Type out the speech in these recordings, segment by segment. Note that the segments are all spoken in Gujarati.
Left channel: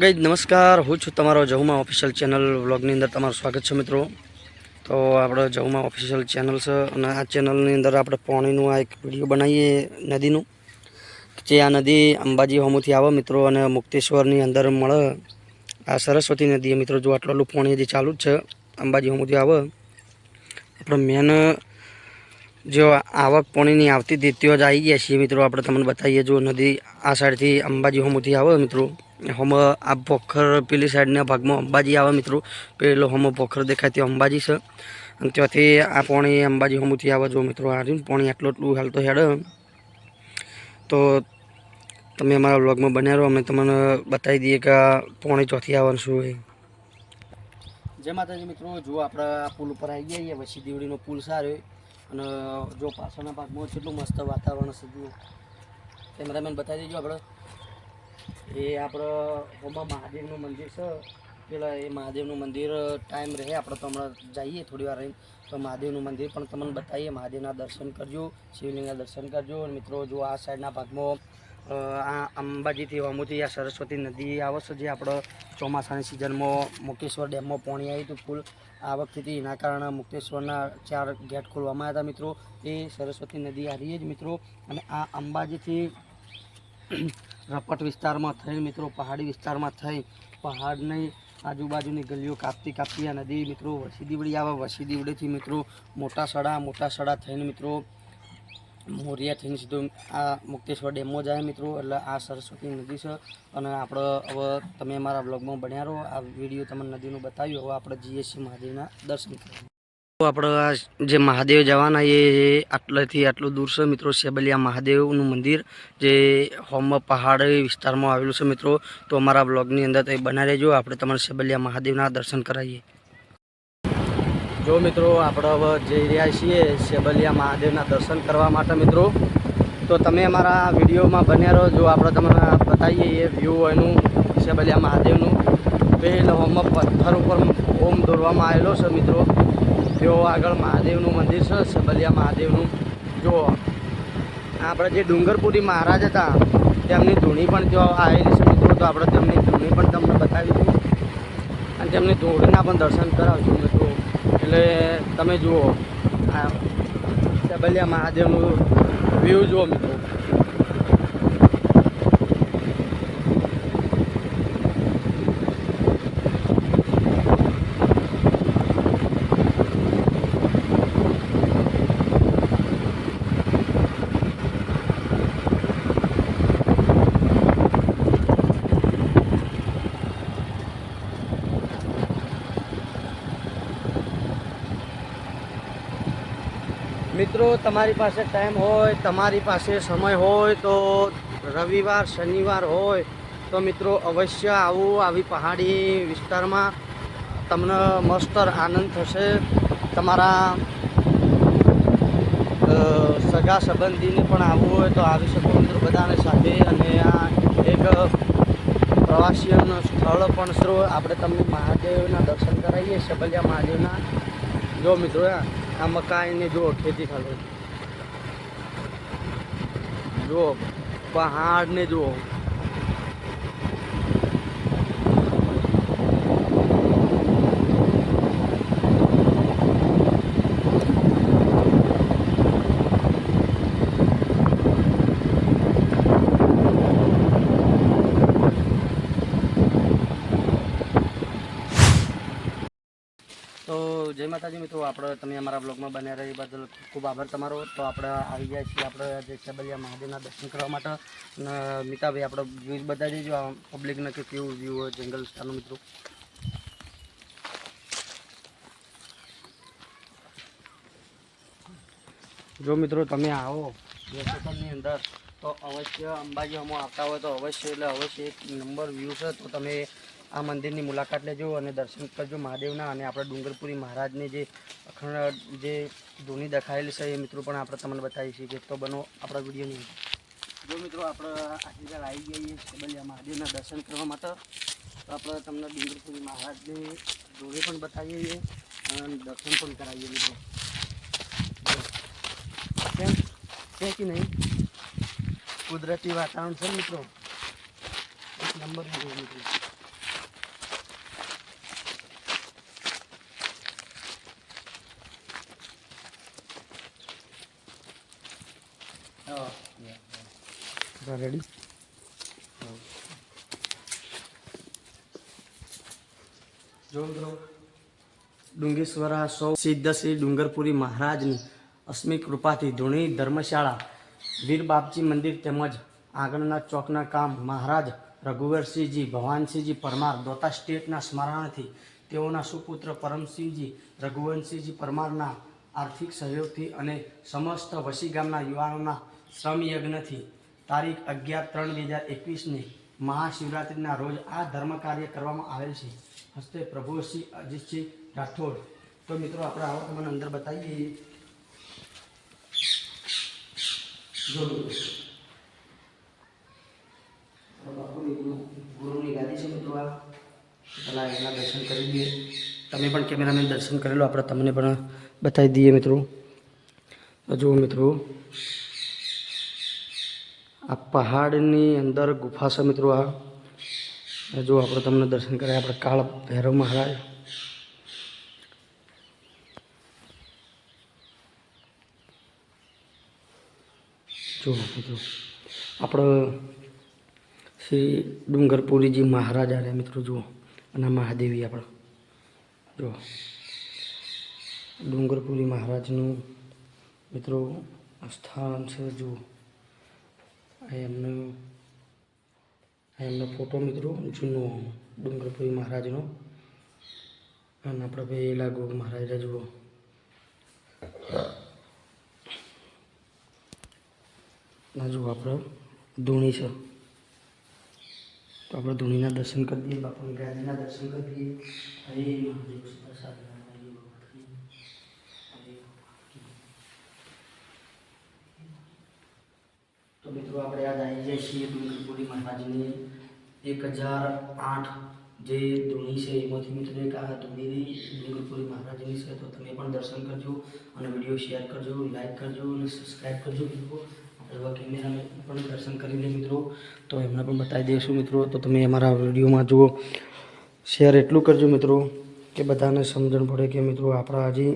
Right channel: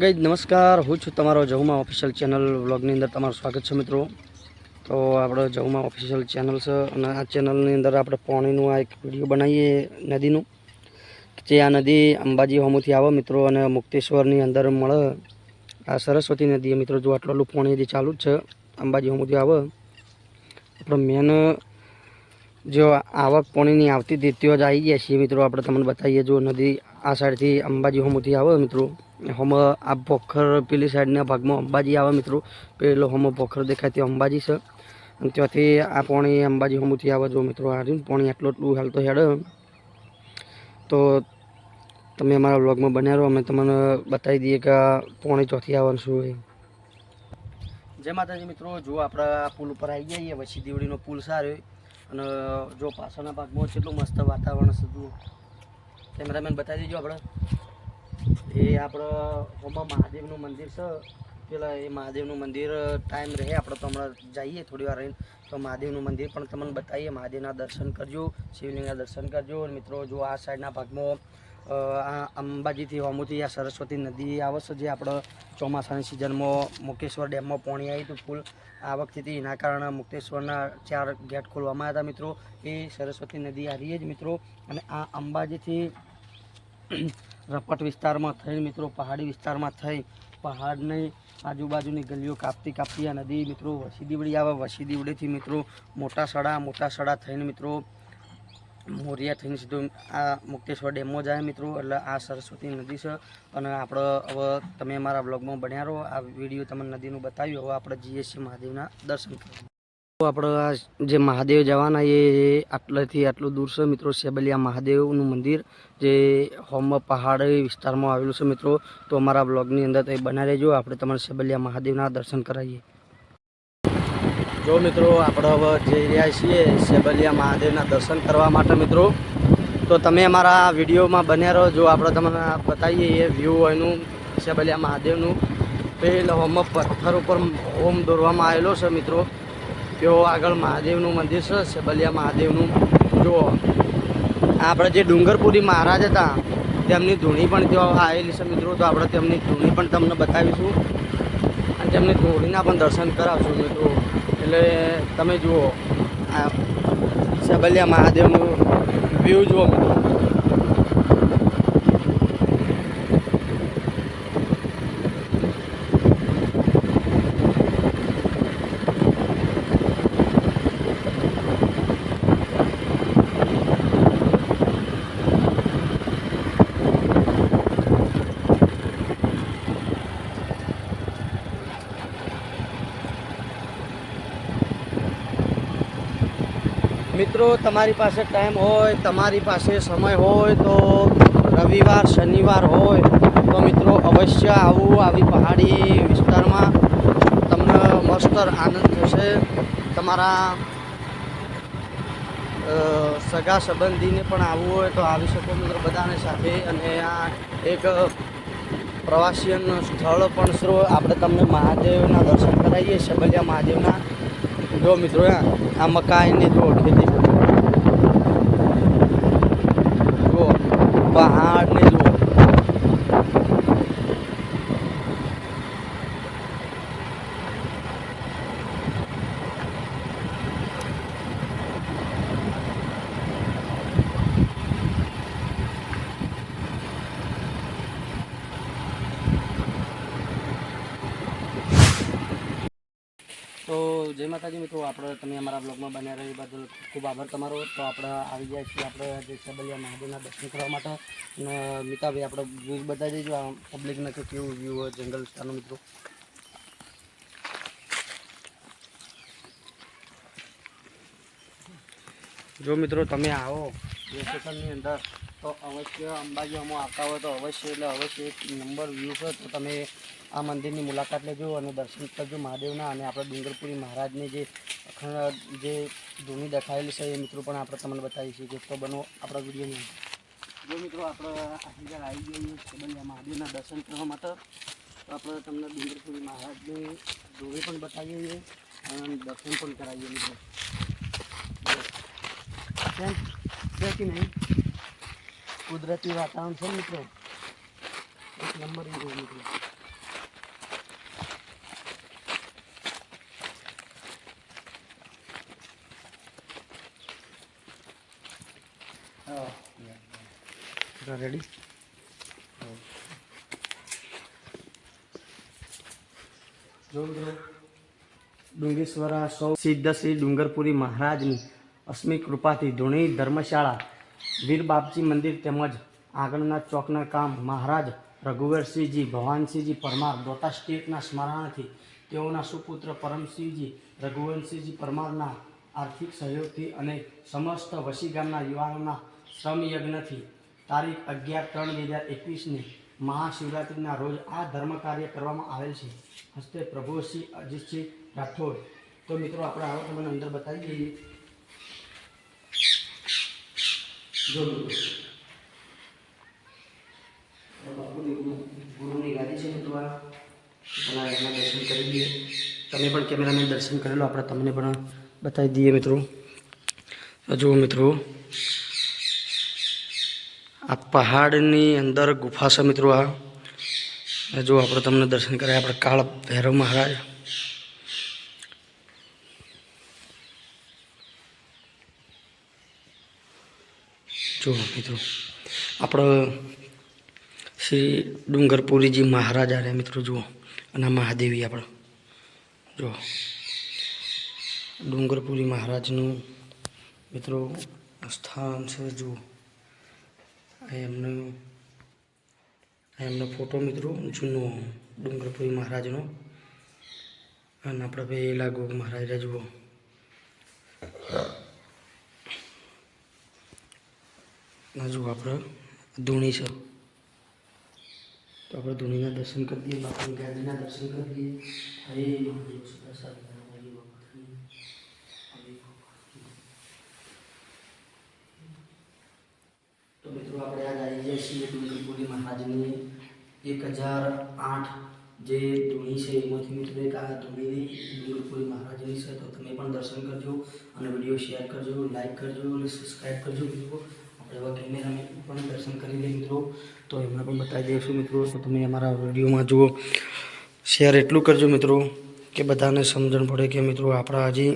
ગઈ નમસ્કાર, હું છું તમારો જહુમા ઓફિશિયલ ચેનલ વ્લોગની અંદર તમારું સ્વાગત છે મિત્રો. તો આપણે જહુમા ઓફિશિયલ ચેનલ છે અને આ ચેનલની અંદર આપણે પાણીનું આ એક વિડીયો બનાવીએ નદીનું, જે આ નદી અંબાજી હોમુથી આવે મિત્રો અને મુક્તેશ્વરની અંદર મળે. આ સરસ્વતી નદી મિત્રો, જો આટલું પાણી હજી ચાલુ જ છે, અંબાજી હોમુથી આવે. આપણે મેન જો આવક પાણીની આવતી હતી ત્યાં જ આવી ગયા છીએ મિત્રો. આપણે તમને બતાવીએ, જો નદી આ સાઈડથી અંબાજી હોમુથી આવે મિત્રો. હમ આ પોખર પેલી સાઈડના ભાગમાં અંબાજી આવે મિત્રો. પેલો હમ પોખર દેખાય ત્યાં અંબાજી છે અને ત્યાંથી આ પાણી અંબાજી હોમુથી આવે. જો મિત્રો આ રહ્યું પાણી આટલું હાલ તો હેડ. તો તમે અમારા વ્લોગમાં બન્યા રહો, અમે તમને બતાવી દઈએ કે પાણી ચોથી આવવાનું શું હોય. જય માતાજી મિત્રો, જો આપણે આ પુલ ઉપર આવી જઈએ, વછી દીવડીનો પુલ સારો અને જો પાછળના ભાગમાં કેટલું મસ્ત વાતાવરણ છે. જુઓ, કેમેરામેન બતાવી દેજો. આપણે આપણે હોમાં મહાદેવનું મંદિર છે પેલા, એ મહાદેવનું મંદિર ટાઈમ રહે આપણે તો હમણાં જઈએ થોડી વાર રહીને તો મહાદેવનું મંદિર પણ તમને બતાવીએ. મહાદેવના દર્શન કરજો, શિવલિંગના દર્શન કરજો. અને મિત્રો જો આ સાઈડના ભાગમાં આ અંબાજીથી હોમુથી આ સરસ્વતી નદી આવે છે, જે આપણે ચોમાસાની સિઝનમાં મુક્તેશ્વર ડેમમાં પાણી આવ્યું હતું ફૂલ આ વખતેથી. એના કારણે મુક્તેશ્વરના 4 ગેટ ખોલવામાં આવ્યા હતા મિત્રો. એ સરસ્વતી નદી આ રહી જ મિત્રો. અને આ અંબાજીથી રપટ વિસ્તારમાં થઈ મિત્રો, પહાડી વિસ્તારમાં થઈ, પહાડની આજુબાજુની ગલીઓ કાપતી આ નદી મિત્રો વસી દીવડી આવે. વસી દીવડીથી મિત્રો મોટા સડા થઈને મિત્રો મોરિયા થઈને સીધું આ મુક્તેશ્વર ડેમમાં જાય મિત્રો. એટલે આ સરસ્વતી નદી છે. અને આપણે હવે તમે અમારા બ્લોગમાં બન્યા રહો. આ વિડીયો તમને નદીનું બતાવ્યું. હવે આપણે જઈએ છીએ મહાદેવના દર્શન કરવા. આપણે આ જે મહાદેવ જવાના એ આટલેથી આટલું દૂર છે મિત્રો, સેબલિયા મહાદેવનું મંદિર, જે હોમ પહાડી વિસ્તારમાં આવેલું છે મિત્રો. તો અમારા બ્લોગની અંદર તો બના રહેજો, આપણે તમારે સેબલિયા મહાદેવના દર્શન કરાવીએ. જો મિત્રો આપણે હવે જઈ રહ્યા છીએ સેબલિયા મહાદેવના દર્શન કરવા માટે મિત્રો. તો તમે અમારા વિડીયોમાં બન્યા રહો. જો આપણે તમને બતાવીએ એ વ્યૂ એનું સેબલિયા મહાદેવનું. પહેલાં હોમ પથ્થર ઉપર ઓમ દોરવામાં આવેલો છે મિત્રો. જો આગળ મહાદેવનું મંદિર છે, સેબલિયા મહાદેવનું. જો આપણે જે ડુંગરપુરી મહારાજ હતા તેમની ધૂણી પણ ત્યાં આવેલી છે મિત્રો. તો આપણે તેમની ધૂણી પણ તમને બતાવીશું અને તેમની ધૂણીના પણ દર્શન કરાવશું મિત્રો. એટલે તમે જુઓ આ સેબલિયા મહાદેવનું વ્યૂ જુઓ મિત્રો. મિત્રો તમારી પાસે ટાઈમ હોય, તમારી પાસે સમય હોય તો રવિવાર શનિવાર હોય તો મિત્રો અવશ્ય આવું. આવી પહાડી વિસ્તારમાં તમને મસ્ત આનંદ થશે. તમારા સગા સંબંધીને પણ આવવું હોય તો આવી શકો મિત્રો બધાને સાથે. અને આ એક પ્રવાસીન સ્થળ પણ છે. આપણે તમને મહાદેવના દર્શન કરાવીએ, સેબલિયા મહાદેવના. જો મિત્રો આ મકાઈની જો ખેતી થતી, જુઓ પહાડને જુઓ. તો જય માતાજી મિત્રો, આપણે તમે અમારા બ્લોગમાં બન્યા રહી બદલ ખૂબ આભાર તમારો. તો આપણે આવી ગયા છીએ આપણે જે સેબલિયા મહાદેવના દર્શન કરવા માટે. અને મિતાભાઈ આપણે વ્યૂઝ બતાવી દેજો આ પબ્લિકને કે કેવું વ્યૂ હોય જંગલ વિસ્તારનું મિત્રો. જો મિત્રો તમે આવો લોકેશનની અંદર તો અવશ્ય અંબાજીમાં આવતા હોય તો અવશ્ય એક નંબર વ્યૂ છે. તો તમે આ મંદિરની મુલાકાત લેજો અને દર્શન કરજો મહાદેવના. અને આપણે ડુંગરપુરી મહારાજની જે અખંડ જે ધૂણી દેખાયેલી છે એ મિત્રો પણ આપણે તમને બતાવી છીએ. તો બનો આપણા વિડીયોની. જો મિત્રો આપણે આટલી આવી જઈએ સેબલિયા મહાદેવના દર્શન કરવા માટે. તો આપણે તમને ડુંગરપુરી મહારાજની ધૂણી પણ બતાવીએ અને દર્શન પણ કરાવીએ મિત્રો. કેમ છે કે નહીં, કુદરતી વાતાવરણ છે મિત્રો, એક નંબર મિત્રો. રેડી જો મિત્રો ડુંગેશ્વરા સૌ સિદ્ધ શ્રી ડુંગરપુરી મહારાજની અસ્મિક કૃપાથી ધૂણી ધર્મશાળા વીર બાપજી મંદિર તેમજ આંગણના ચોકના કામ મહારાજ રઘુવરસિંહજી ભવાનસિંહજી પરમાર દોતા સ્ટેટના સ્મરણાર્થી તેઓના સુપુત્ર પરમસિંહજી રઘુવંશસિંહજી પરમારના આર્થિક સહયોગથી અને સમસ્ત વસી ગામના યુવાનોના શ્રમયજ્ઞથી તારીખ 11/3/2021ને મહાશિવરાત્રિના રોજ આ ધર્મ કાર્ય કરવામાં આવેલ છે. હસ્તે પ્રભુ શ્રી અજીતસિંહ રાઠોડ. તો મિત્રો આપણે આવો તમને અંદર બતાવી દઈએ. જો બાપુની ગુરુની ગાદી છે મિત્રો. આ પહેલાં એના દર્શન કરી દઈએ. તમે પણ કેમેરામેન દર્શન કરેલો, આપણે તમને પણ બતાવી દઈએ મિત્રો. જુઓ મિત્રો, આ પહાડની અંદર ગુફા છે મિત્રો. આ જો આપણે તમને દર્શન કરાય, આપણે કાળ ભૈરવ મહારાજ. જો મિત્રો આપણે શ્રી ડુંગરપુરીજી મહારાજ આવ્યા મિત્રો. જુઓ, અને મહાદેવી આપણે જો ડુંગરપુરી મહારાજનું મિત્રો સ્થાન છે. જુઓ એમનો ફોટો મિત્રો જૂનો ડુંગરપુરી મહારાજનો. અને આપણે પેલા ગોગ મહારાજ જુઓ. જુઓ આપણે ધૂણી છે, તો આપણે ધૂણીના દર્શન કરી દઈએ. બાપુની ગાદીના દર્શન કરી દઈએ. તો મિત્રો આપણે યાદ આવી જાય છીએ ડુંગરપુરી મહારાજની 1008 જે ધૂણી છે એમાંથી મિત્રો એક આ ધૂણી ડુંગરપુરી મહારાજની છે. તો તમે પણ દર્શન કરજો અને વિડીયો શેર કરજો, લાઈક કરજો અને સબસ્ક્રાઈબ કરજો મિત્રો. આપણે એવા કેમેરામેન પણ દર્શન કરી લે મિત્રો, તો એમને પણ બતાવી દઈશું મિત્રો. તો તમે અમારા વિડીયોમાં જુઓ, શેર એટલું કરજો મિત્રો કે બધાને સમજણ પડે કે મિત્રો આપણા હજી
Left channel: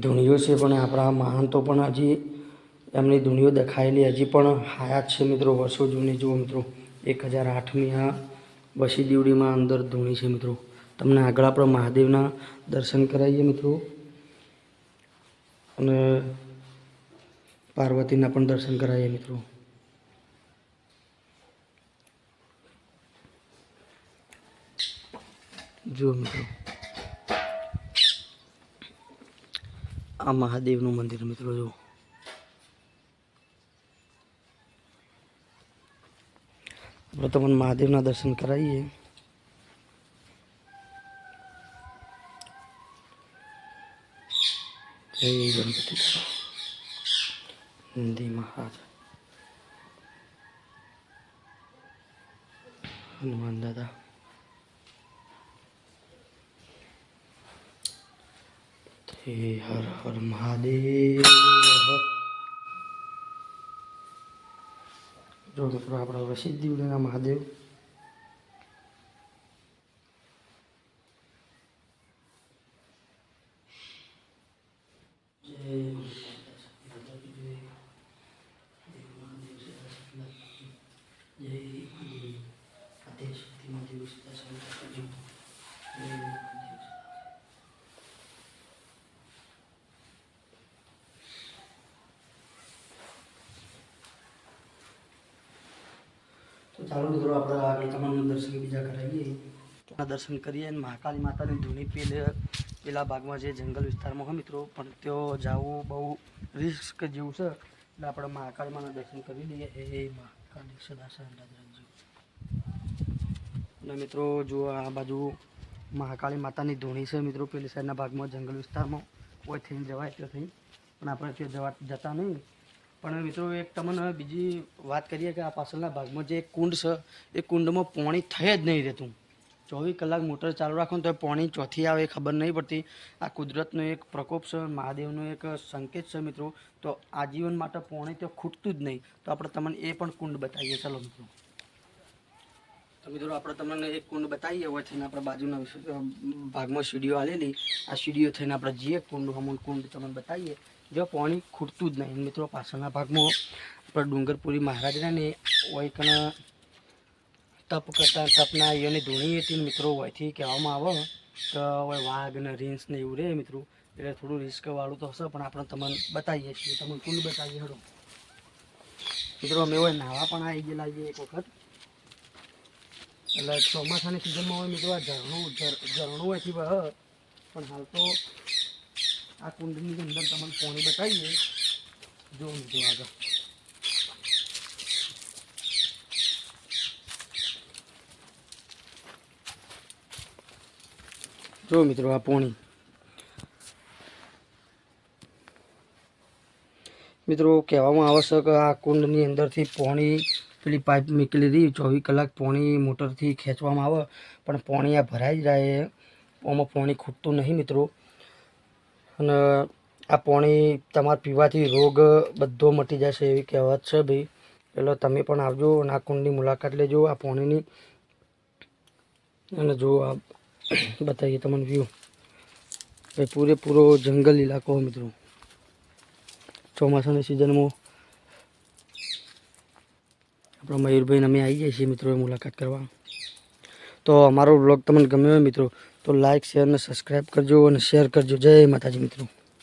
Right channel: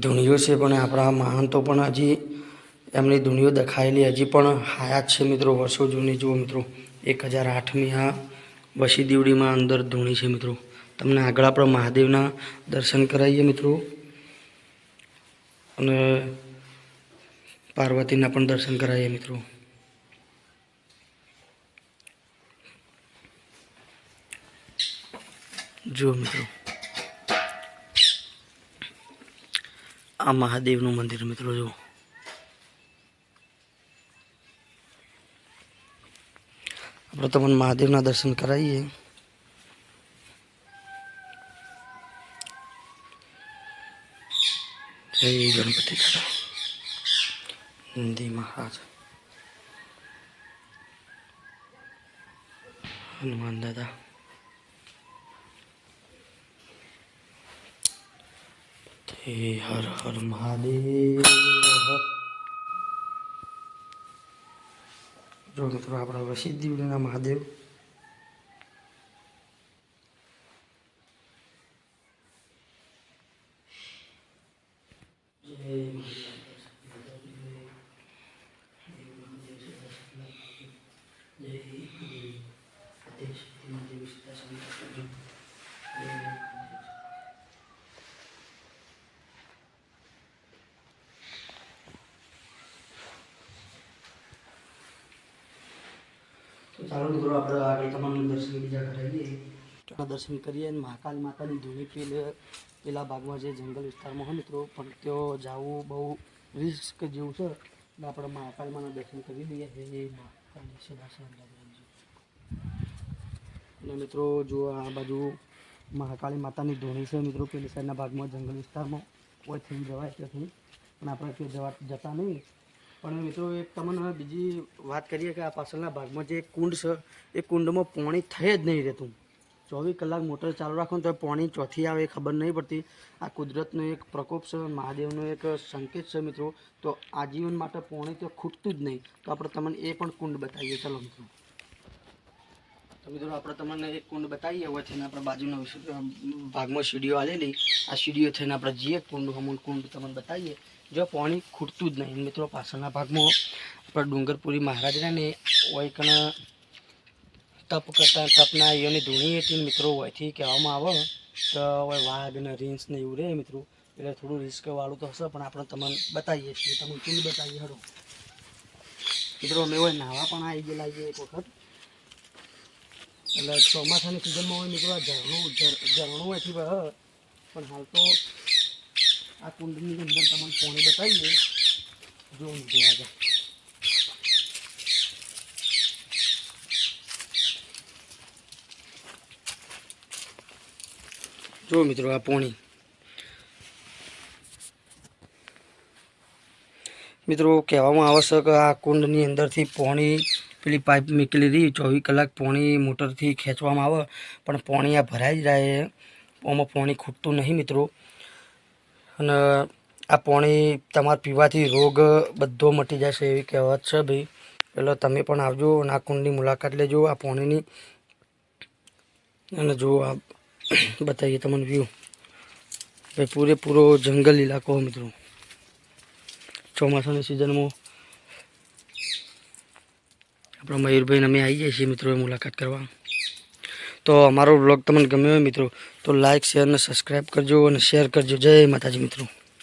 ધૂણીઓ છે, પણ આપણા મહાનતો પણ હજી એમની ધૂણીઓ દેખાયેલી હજી પણ હયાત છે મિત્રો. વર્ષો જૂની જુઓ મિત્રો, 1008ની આ વસી દીવડીમાં અંદર ધૂણી છે મિત્રો. તમને આગળ આપણે મહાદેવના દર્શન કરાવીએ મિત્રો, અને પાર્વતીના પણ દર્શન કરાવીએ મિત્રો. જુઓ મિત્રો, આ મહાદેવનું મંદિર મિત્રો. જુઓ આપણે તમને મહાદેવના દર્શન કરાવીએ. જય ગણપતિ દાદા, નંદી મહારાજ, હનુમાન દાદા. હર હર મહાદેવ. જો મિત્રો આપણા વસી દીવડીના મહાદેવ. તો ચાલો મિત્રો આપણે આગળ તમામ દર્શન બીજા કરાવીએ. દર્શન કરીએ અને મહાકાળી માતાની ધૂણી પેલા ભાગમાં જે જંગલ વિસ્તારમાં હોય મિત્રો, પણ તેઓ જવું બહુ રિસ્ક જેવું છે. એટલે આપણે મહાકાળી માના દર્શન કરી દઈએ. હે મહાકાળી સદા સહરાજી. અને મિત્રો જુઓ, આ બાજુ મહાકાળી માતાની ધૂણી છે મિત્રો. પેલી સાઈડના ભાગમાં જંગલ વિસ્તારમાં કોઈ થઈને જવાય ત્યાંથી, પણ આપણે ત્યાં જતા નહીં. પણ મિત્રો એક તમને બીજી વાત કરીએ કે આ પાછળના ભાગમાં જે કુંડ છે એ કુંડમાં પાણી થઈ જ નહીં રહેતું. 24 કલાક મોટર ચાલુ રાખો તો પાણી ચોથી આવે એ ખબર નહીં પડતી. આ કુદરતનો એક પ્રકોપ છે, મહાદેવનો એક સંકેત છે મિત્રો. તો આજીવન માટે પાણી તો ખૂટતું જ નહીં. તો આપણે તમને એ પણ કુંડ બતાવીએ. ચાલો મિત્રો. તો મિત્રો આપણે તમને એક કુંડ બતાવીએ. હોય થઈને આપણે બાજુના ભાગમાં સીડીઓ આવેલી, આ સીડીઓ થઈને આપણે જઈએ કુંડ તમને બતાવીએ. જો પાણી ખૂટતું જ નહીં મિત્રો. પાછળના ભાગમાં પણ ડુંગરપુરી મહારાજ ને હોય કણ તપ કરતા તપના એની ધૂણી હતી મિત્રો હોયથી કહેવામાં આવે તો હવે વાઘ ને રીંછ ને એવું રહે મિત્રો, એટલે થોડું રિસ્ક વાળું તો હશે, પણ આપણે તમને બતાવીએ છીએ, તમને કુલ બતાવીએ હડો મિત્રો. અમે હોય નાવા પણ આવી ગયેલા એક વખત, એટલે ચોમાસાની સિઝનમાં હોય મિત્રો આ ઝરણું એથી વહે, પણ હાલ તો આ કુંડની અંદર તમને પાણી બતાવીએ. જો મિત્રો આગળ જો મિત્રો આ પાણી મિત્રો કહેવામાં આવે છે કે આ કુંડની અંદરથી પાણી પેલી પાઇપ નીકળી રહી 24 કલાક પાણી મોટરથી ખેંચવામાં આવે, પણ પાણી આ ભરાઈ જ રહે, આમાં પાણી ખૂટતું નહીં મિત્રો. અને આ પાણી તમારે પીવાથી રોગ બધો મટી જશે એવી કહેવત છે ભાઈ. એટલે તમે પણ આવજો અને આ કુંડની મુલાકાત લેજો આ પાણીની. અને જો આ બતાવીએ તમને વ્યૂ, ભાઈ પૂરેપૂરો જંગલ ઇલાકો મિત્રો. ચોમાસાની સિઝનમાં આપણા મયુરભાઈને અમે આવી જઈએ છીએ મિત્રો મુલાકાત કરવા. તો અમારો વ્લોગ તમને ગમ્યો હોય મિત્રો તો લાઇક શેર અને સબસ્ક્રાઈબ કરજો અને શેર કરજો. જય માતાજી મિત્રો.